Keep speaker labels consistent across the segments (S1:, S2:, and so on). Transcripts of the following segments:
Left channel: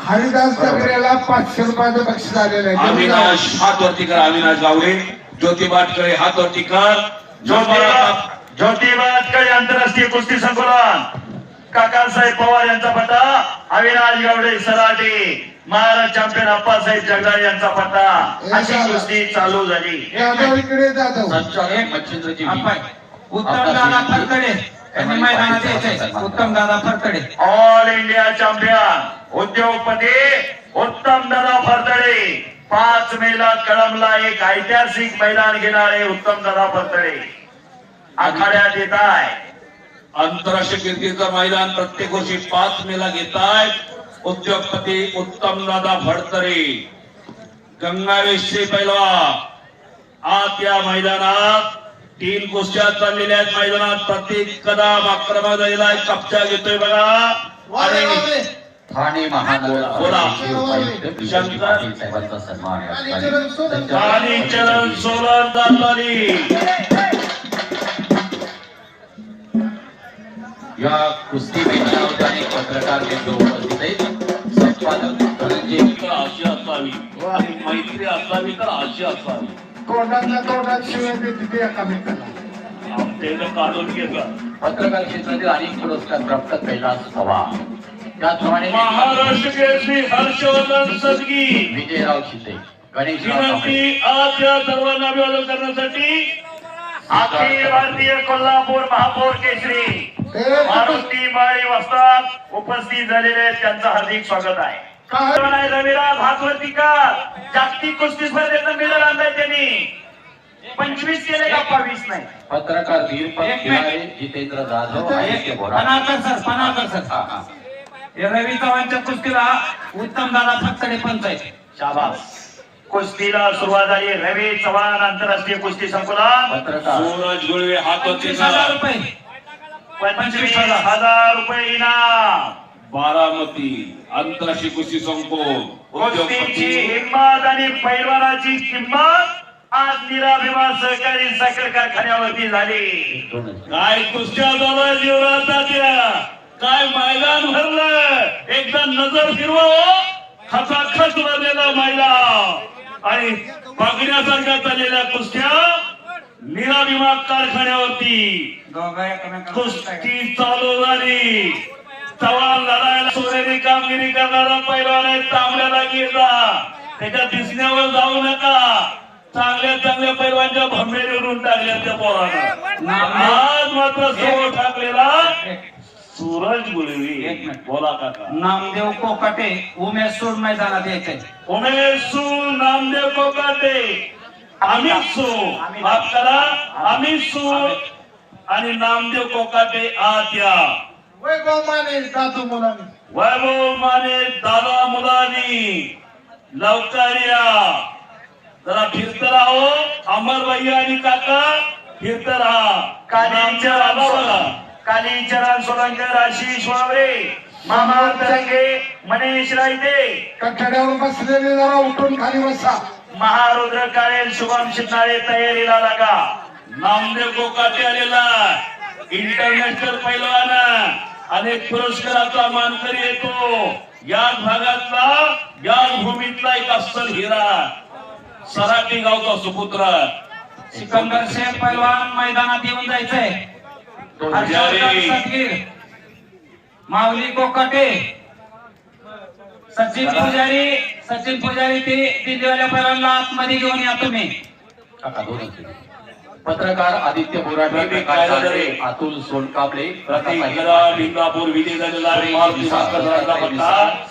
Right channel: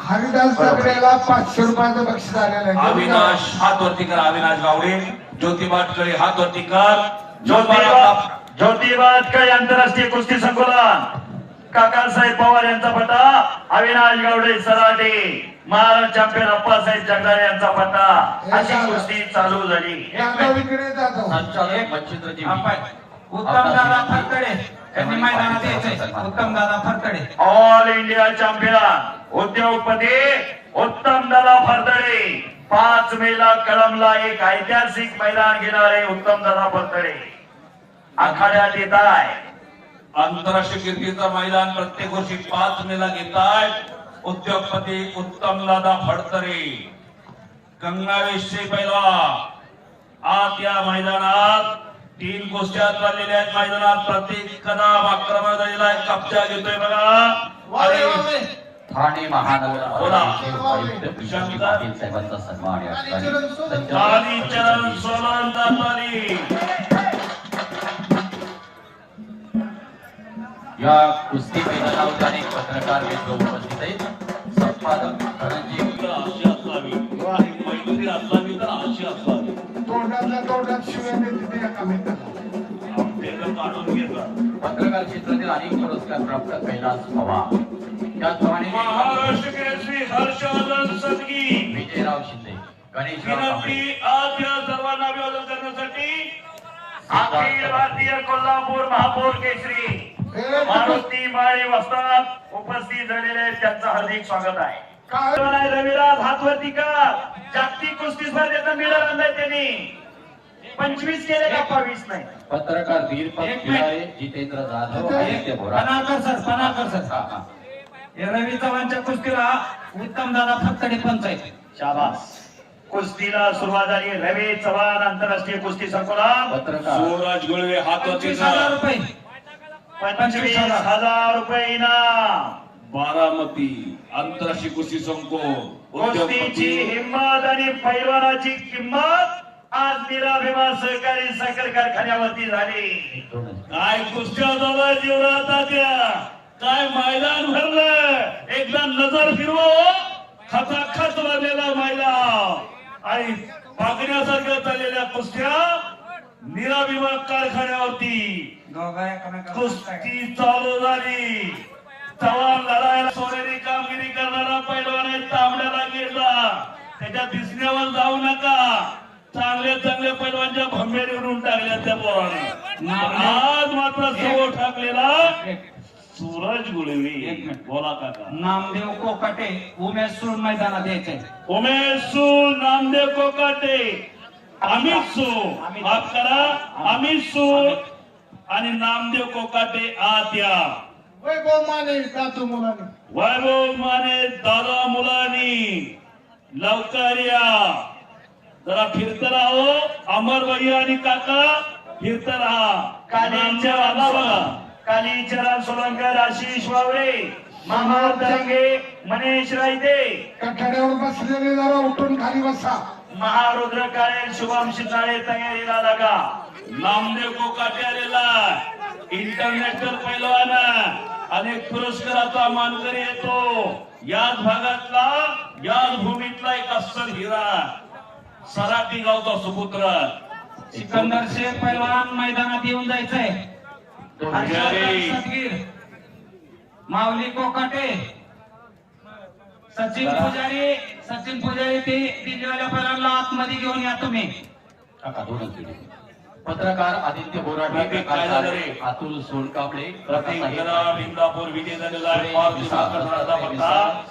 S1: हरिदास ठाकरेला पाचशे रुपयाचं बक्षीस आलेलं आहे.
S2: अविनाश हात वरती करा अविनाश गावडे. ज्योती बाटकळे हात वरती कर.
S3: ज्योतिबा ज्योतिबा अटकळी आंतरराष्ट्रीय कुस्ती संकुलन काकासाहेब पवार यांचा पट्टा अविनाश गावडे सराटे. महाराज चॅम्पियन अप्पासाहेब जगदाळे यांचा पट्टा अशी कुस्ती चालू झाली.
S1: जाधव इकडे जाधव
S4: संचालक मच्छिंद्रजी
S5: उत्तम दादा फरतडे यांनी मैदानात यायचंय. उत्तम दादा फरतडे
S3: ऑल इंडिया चॅम्पियन उद्योगपती उत्तम दादा फरतडे पाच मेला कळमला एक ऐतिहासिक मैदान घेणारे उत्तम दादा फरतडे आखाड्यात येत आहे
S2: आंतरराष्ट्रीय कीर्तीचं मैदान प्रत्येक वर्षी पाच मेला घेत आहेत उद्योगपती उत्तम दादा भडतरे गंगावेशचे पैलवा आज या मैदानात तीन कुस्त्या चाललेल्या आहेत मैदानात. प्रत्येक कदम आक्रमक झालेला आहे कपचा घेतोय बघा. आणि
S4: ठाणे महानगर
S2: बोला.
S4: उपायुक्त विशालजी पाटील साहेबांचा सन्मान या ठिकाणी
S3: कालीचरण
S4: संचालक
S3: सोलन दातारी
S4: या कुस्ती मैदानावर अनेक पत्रकार मित्र उपस्थित आहेत. संपादक धनंजय
S2: मैत्री असावी तर अशी असावी.
S1: तोंडातल्या तोंडात शिवाय देते एकामेकाला
S4: पत्रकार क्षेत्रातील अनेक पुरस्कार प्राप्त कैलास पवार त्याचप्रमाणे
S2: महाराष्ट्र केसरी हर्षवर्धन सदगी.
S4: विजयराव शिंदे गणेशराव कांबळे.
S2: विनंती आज या सर्वांना अभिवादन करण्यासाठी
S3: अखिल भारतीय कोल्हापूर महापौर केसरी मारुती माळी वस्तात उपस्थित झालेले आहेत. त्यांचं हार्दिक स्वागत आहे. रविराज हातवरतीकर. जागतिक कुस्ती स्पर्धेत मेडल आणलाय त्यांनी. पंचवीस केले का बावीस नाही?
S4: पत्रकार दीपक
S5: एक
S4: खिलारे जितेंद्र जाधव आदित्य बोरा
S5: पनाळकर सर पनाळकर सर.
S4: हा, हा.
S5: हे रवी चव्हाणच्या कुस्तीला उत्तम दादा फरतडे पंच आहेत
S3: शाबास. कुस्तीला सुरुवात झाली. रवी चव्हाण आंतरराष्ट्रीय कुस्ती संकुलन
S4: पत्रकार.
S2: सूरज गुळवे हात
S5: पंचवीस हजार. रुपये.
S3: पंचवीस हजार रुपये इनाम.
S2: बारामती कुस्ती संकुल
S3: कुस्तीची
S2: उद्योगपती.
S3: हिंमत आणि पैलवानाची किंमत आज निराभिमान सहकारी साखर कारखान्यावरती झाली.
S2: काय कुस्त्या झाला जीवनात त्या काय मैदान भरलं एकदा नजर फिरवा खचाखच भरलेला मैदान. आणि बघण्यासारख्या चाललेल्या कुस्त्या निराभिमान कारखान्यावरती. कुस्ती चालू झाली चव्हाण लढायला सोनेरी कामगिरी करणारा पैलवान आहे तांबड्याला गेला त्याच्या दिसण्यावर जाऊ नका. चांगल्या चांगल्या पैलवानच्या भंबेरी उडून टाकल्या त्या पोरानं. आज मात्र समोर टाकलेला सूरज
S5: मिनिट.
S2: बोला काका.
S5: नामदेव कोकाटे उमेश सूड मैदानात यायचंय
S2: उमेश सू नामदेव कोकाटे. अमित सू. माफ करा. अमित सू. आणि नामदेव कोकाटे आत या
S1: वैभव माने जाधव मुलाने.
S2: वैभव माने दादा मुलानी. लवकर या जरा फिरत राहो. अमर भैया आणि काका फिरत राहा.
S3: कालीचरण. कालीचरण सोलंकर आशिष वावरे मामा तरंगे मनीष रायदे
S1: कठड्यावर बसलेले जरा उठून खाली बसा.
S3: महारुद्र काळे शुभम शिंदाळे तयारीला लागा
S2: नामदेव कोकाटे आलेला. इंटरनॅशनल पैलवान. अनेक पुरस्काराचा मानकरी येतो. याच भागातला याच भूमीतला एक अस्सल हिरा. सराटी गावचा सुपुत्र.
S5: सिकंदर शेख पैलवान मैदानात येऊन जायचंय. माऊली कोकाटे. सचिन पुजारी सचिन पुजारी ते दिल्लीवाल्या पैलवानला आतमध्ये घेऊन या तुम्ही.
S4: पत्रकार आदित्य बोराटे प्रकाश
S2: कायदा
S4: दांडे,
S2: रे.
S4: अतुल सोनकाबले
S2: प्रतीक
S4: प्रताप
S2: गदा
S4: पाटील,
S2: भिंगापूर विजय झालेला आहे.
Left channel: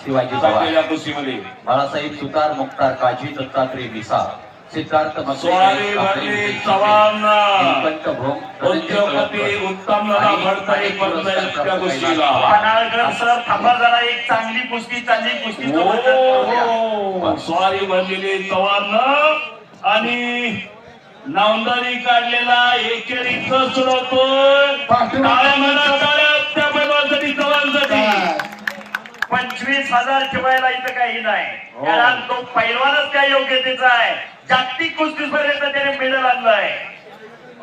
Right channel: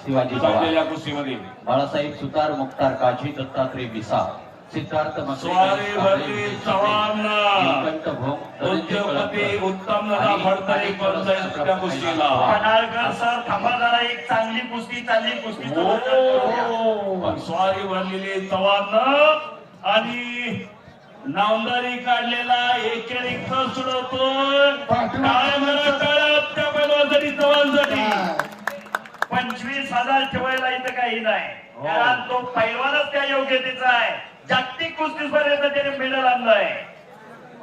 S4: शिवाजी
S2: कुस्तीमध्ये
S4: बाळासाहेब सुतार मुक्तार काजी दत्तात्रय विसा सिद्धार्थ
S3: जरा एक चांगली कुस्ती कुस्तीचं
S2: हो. हो. स्वारी भरलेली चव्हाण आणि नावंदारी काढलेला एकेरी टाळ्या टाळ्या त्या चव्हाणसाठी
S3: पंचवीस हजार ठेवायला इथं काही नाही.
S2: हो.
S3: कारण तो पैलवानच त्या योग्यतेचा आहे. जागतिक कुस्ती स्पर्धेत त्याने मेडल आणलंय.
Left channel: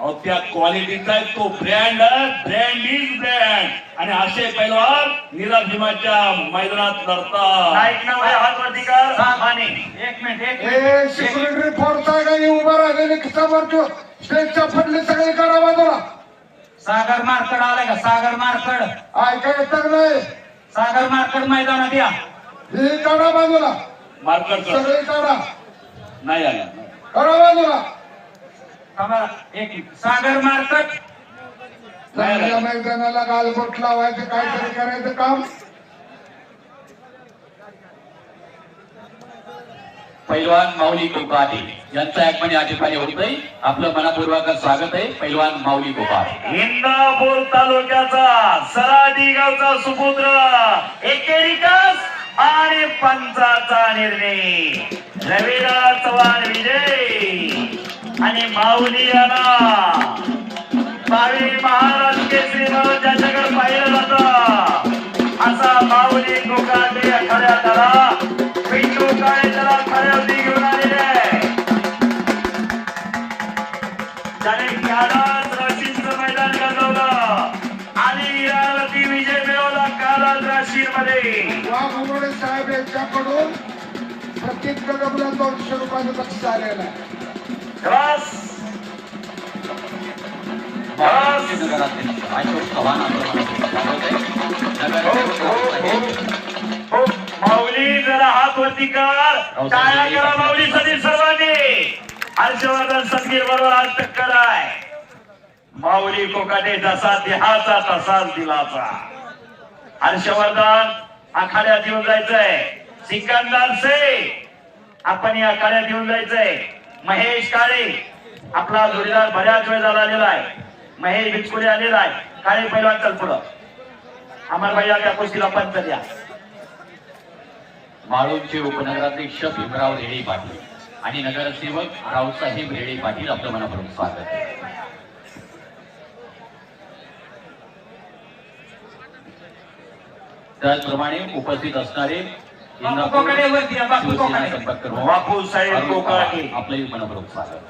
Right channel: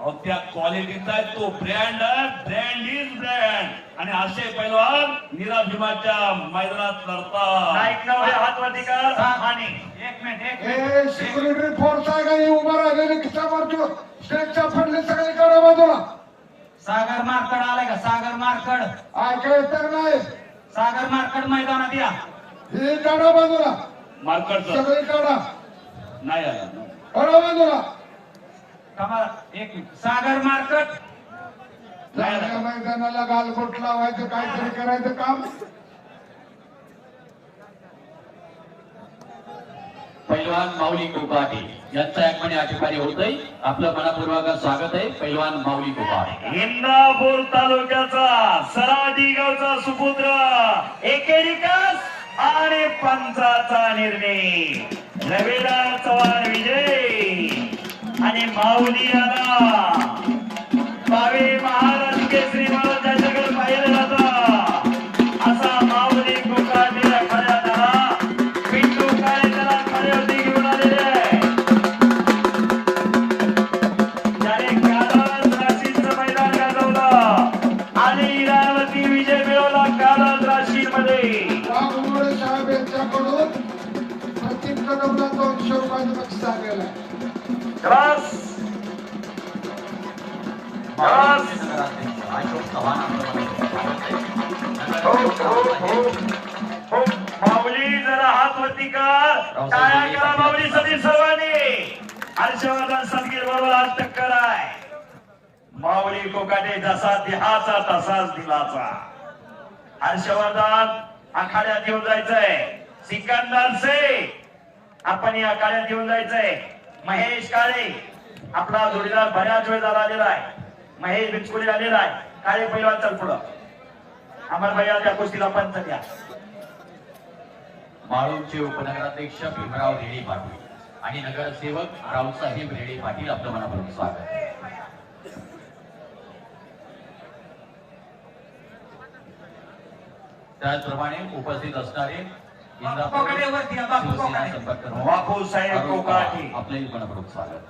S2: अहो त्या क्वालिटीचा तो ब्रँड ब्रँड इज ब्रँड आणि असे पैलवान नीरज भीमाच्या मैदानात लढतात
S3: नाईक नवरे हात वरती कर माने
S5: एक मिनिट एक मिनिट
S1: सिक्युरिटी का हे उभं राहिलेले खिचावरती स्टेजच्या पडले सगळे करा बाजूला.
S5: सागर मार्कड आलाय का? सागर मार्कड.
S1: ऐका येतं नाही.
S5: सागर मार्कड मैदानात या.
S1: हे काढा बाजूला.
S2: मार्कर
S1: सगळी काढा.
S2: नाही आला.
S1: करा बाजूला.
S5: सागर मार्कड
S1: चांगल्या मैदानाला गालबोट लावायचं काहीतरी करायचं काम.
S4: पैलवान माऊली कोकाटे यांचं आगमन या ठिकाणी होतंय. आपलं मनापूर्वक स्वागत आहे पैलवान माऊली कोकाटे
S3: इंदापूर तालुक्याचा सराटी गावचा सुपुत्र एकेरिकस आणि पंचाचा निर्णय. रविराज चव्हाण विजय. आणि माऊली आला भावी महाराज केसरी म्हणून ज्याच्याकडे पाहिलं जातं. असा माऊली कोकाटे खऱ्या त्याला. पिंटू काळे त्याला खऱ्यावरती घेऊन आलेले आहे. त्याने कालाच राशींचं मैदान गाजवलं. आणि इराणवरती विजय मिळवला कालाच राशींमध्ये.
S1: साहेब यांच्याकडून प्रत्येक कदमला दोनशे रुपयाचं बक्षीस आलेलं आहे.
S3: रस
S4: माऊलीचे नगराध्यक्ष अशोक चव्हाण यांचं स्वागत
S3: माऊली जरा हात वरती कर. टाळ्या करा माऊली सदी सर्वांनी. हर्षवर्धन सदगीर बरोबर आज टक्कर आहे. माऊली कोकाटे जसा देहाचा तसाच दिलाचा. हर्षवर्धन आखाड्यात येऊन जायचंय. सिकंदर से आपण या आखाड्यात येऊन जायचंय. महेश काळे आपला जोडीदार बऱ्याच वेळ झाला आलेला आहे. महेश बिचकुले आलेला आहे. काळे पैलवान चल पुढं. अमर त्या गोष्टीला पंच द्या.
S4: माळोमचे उपनगराध्यक्ष भीमराव रेडे पाटील आणि नगरसेवक रावसाहेब रेडे पाटील आपलं मनापूर्वक स्वागत आहे. त्याचप्रमाणे उपस्थित असणारे
S5: बापू
S3: साहेब कोकाटे.
S4: आपलंही मनपूर्वक स्वागत.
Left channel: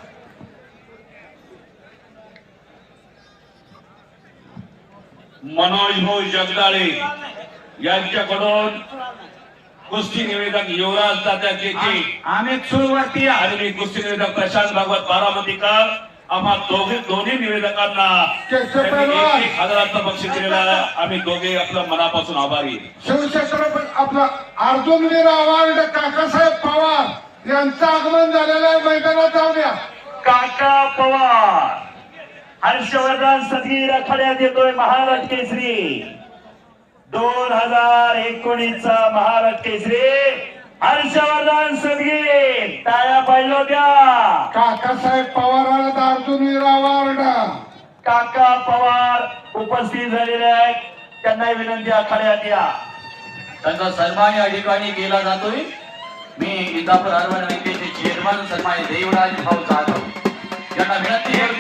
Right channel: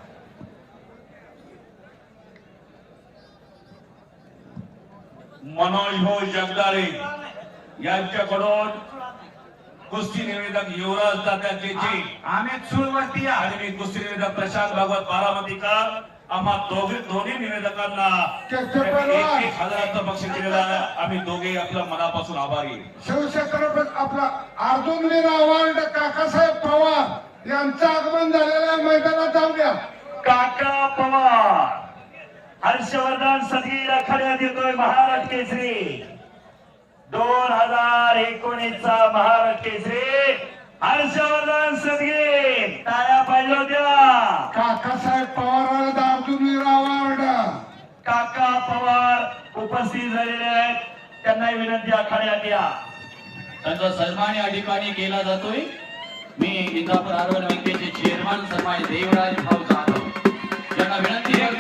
S2: मनोज भाऊ जगदाळे यांच्याकडून कुस्ती निवेदक युवराज दादा केचे
S5: आम्ही या.
S2: आणि कुस्ती निवेदक प्रशांत भागवत बारामतीकर आम्हा दोघे दोन्ही निवेदकांना हजाराचं बक्षीस दिलेलं. आम्ही दोघे आपलं मनापासून आभारी. आहे.
S1: शिवक्षेत्र आपला अर्जुनवीर अवॉर्ड काकासाहेब पवार यांचं आगमन झालेलं मैदानात जाऊया
S3: काका पवार. हर्षवर्धन सदगीर आखाड्यात येतोय महाराज केसरी. दोन हजार एकोणीस चा महाराज केसरी. हर्षवर्धन सदगीर टाळ्या पाहिजे होत्या.
S1: काकासाहेब पवाराला अर्जुनवीर अवॉर्ड
S3: काका पवार उपस्थित झालेले आहेत. त्यांना विनंती आखाड्यात या.
S4: त्यांचा सन्मान या ठिकाणी केला जातोय. मी इंदापूर आरवण बँकेचे चेअरमन सन्मान्य देवराज भाऊ जाधव. यांना विनंती आहे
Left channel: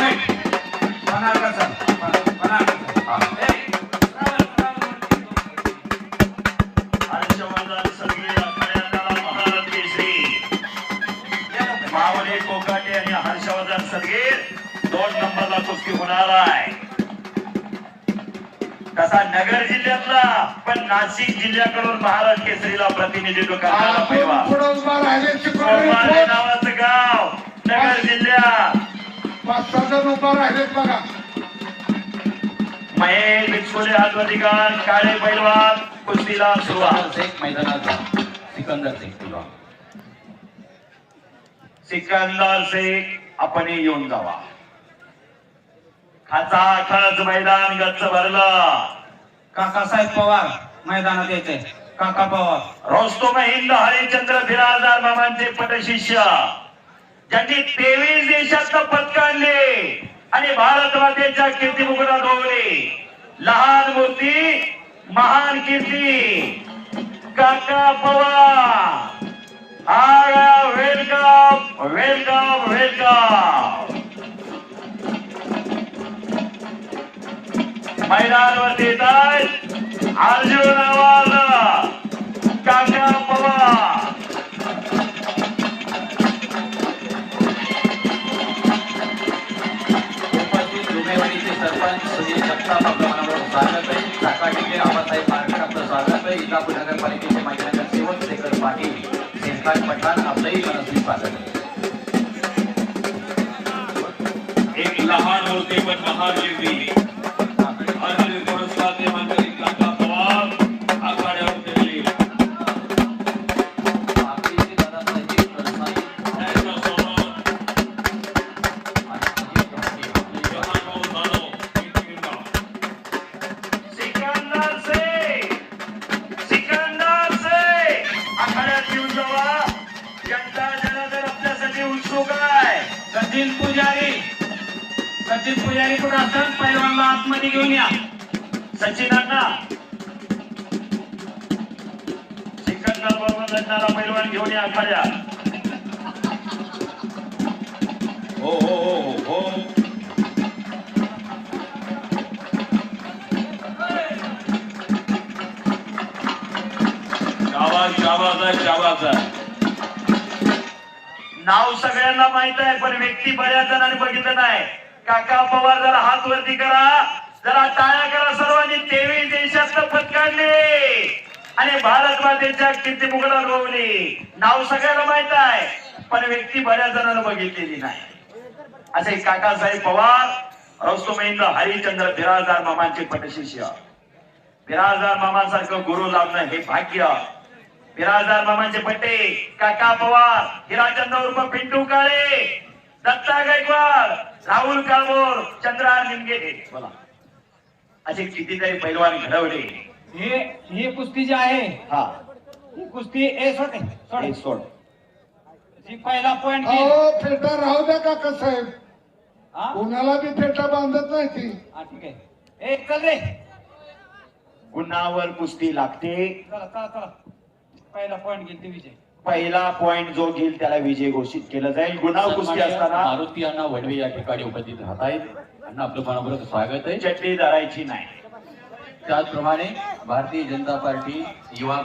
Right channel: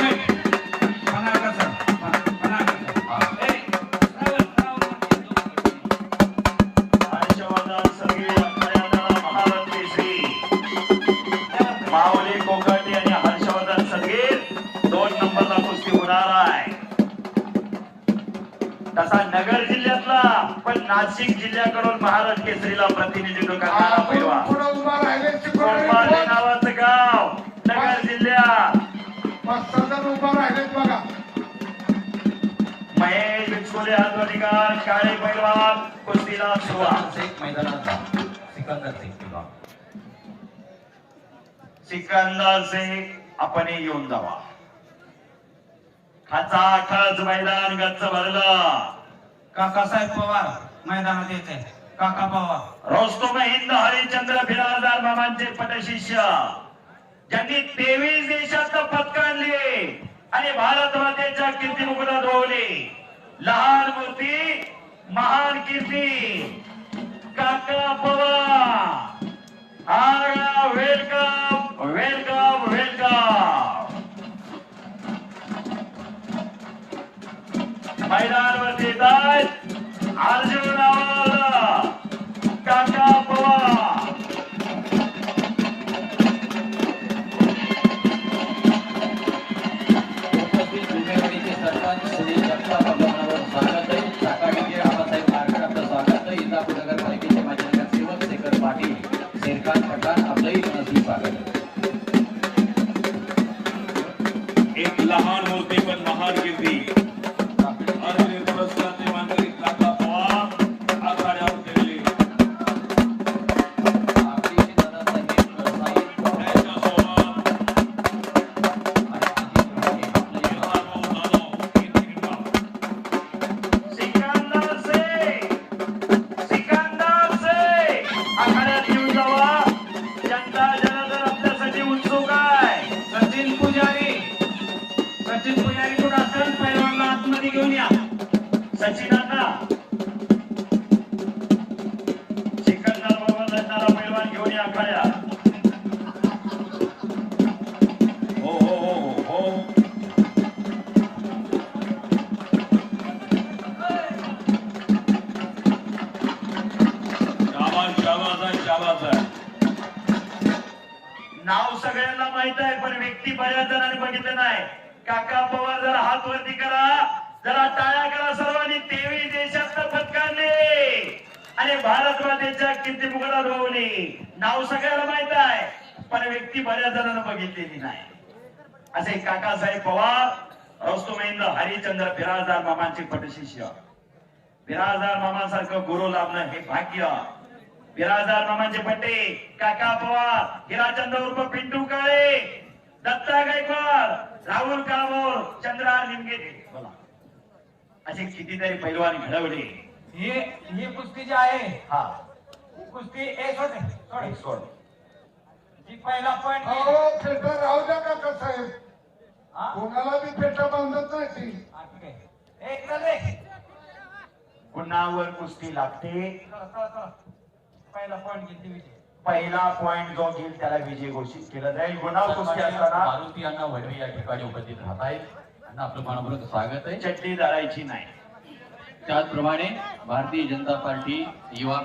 S5: राहिले
S3: कोंभाळे
S1: शिकवणी
S3: नावाचं गाव नगर जिल्ह्यात
S1: पाच सहा जण उभा राहिलेत बघा.
S3: महेश बिचकोले हातवधिकार काळे पैलवान कुस्तीला सुरुवात.
S4: सिकंदर शेख मैदानात जा. सिकंदर शेख तुला
S3: सिकंदर शेख आपण येऊन जावा. खाचा खच मैदान गच्च भरलं.
S5: काकासाहेब पवार मैदानात यायचंय काका पवार.
S3: रोस्तम हिंद हरिचंद्र बिराजदार मामांचे पटशिष्य. ज्यांनी तेवीस देशात पदक आणि भारत मातेच्या कीर्ती मुकुटात रोवले लहान मूर्ती महान कीर्ती. काका पवार. आया वेलकम वेलकम वेलकम मैदानवरती येत आहेत. अर्जुन आवाज.
S4: इंदापूर नगरपालिकेचे माजी सेवक शेखर पाटील शेरखान पठाण आपलंही मनस्वी स्वागत.
S2: एक लहान होते पण महान व्यक्ती.
S3: लढणारा पैलवान घेऊन या आखाड्यात
S2: हो हो हो हो. आहे आहे.
S3: नाव सगळ्यांना माहीत आहे पण व्यक्ती बऱ्याच जणांनी बघितलं नाही. काका पवार जरा हात वरती करा. जरा टाळ्या करा सर्वांनी. तेवीस देशात पत्कारले आणि भारत मातेच्या किती मुघला अनुभवली. नाव सगळ्याला माहीत आहे पण व्यक्ती बऱ्याच जणांना बघितलेली नाही. असे काकासाहेब पवार रौस्तुमेंद्र हरिचंद्र बिराजदार मामांचे पटशिष्य बिराजदार मामांसारखं गुरु लाभणं हे भाग्य. बिराजदार मामांचे पट्टे काका पवार हिराचंद्र उर्फ पिंटू काळे दत्ता गायकवाड राहुल कामोर चंद्रा लिंगे बोला. असे कितीतरी पैलवान घडवले.
S5: हे ही कुस्ती जी आहे
S3: हा.
S5: ही कुस्ती ए सोड सोड.
S3: हे सोड.
S5: जी पहिला पॉइंट
S1: अहो फेटा राहू द्या काका साहेब.
S5: हा?
S1: कोणाला बी फेटा बांधत नाही ती.
S5: हा, ठीक आहे. एक चल रे.
S3: गुन्हावर कुस्ती लागते.
S5: चला चला चला. पहिला पॉइंट घेतली विजय.
S3: पहिला पॉइंट जो घेईल त्याला विजय घोषित केलं जाईल. गुन्हा कुस्ती असताना
S4: मारुती अण्णा वडवे या ठिकाणी उपस्थित राहत आहेत. अण्णा आपलं मनपूर्वक स्वागत आहे.
S3: चटणी धरायची नाही.
S4: त्याचप्रमाणे भारतीय जनता पार्टी युवा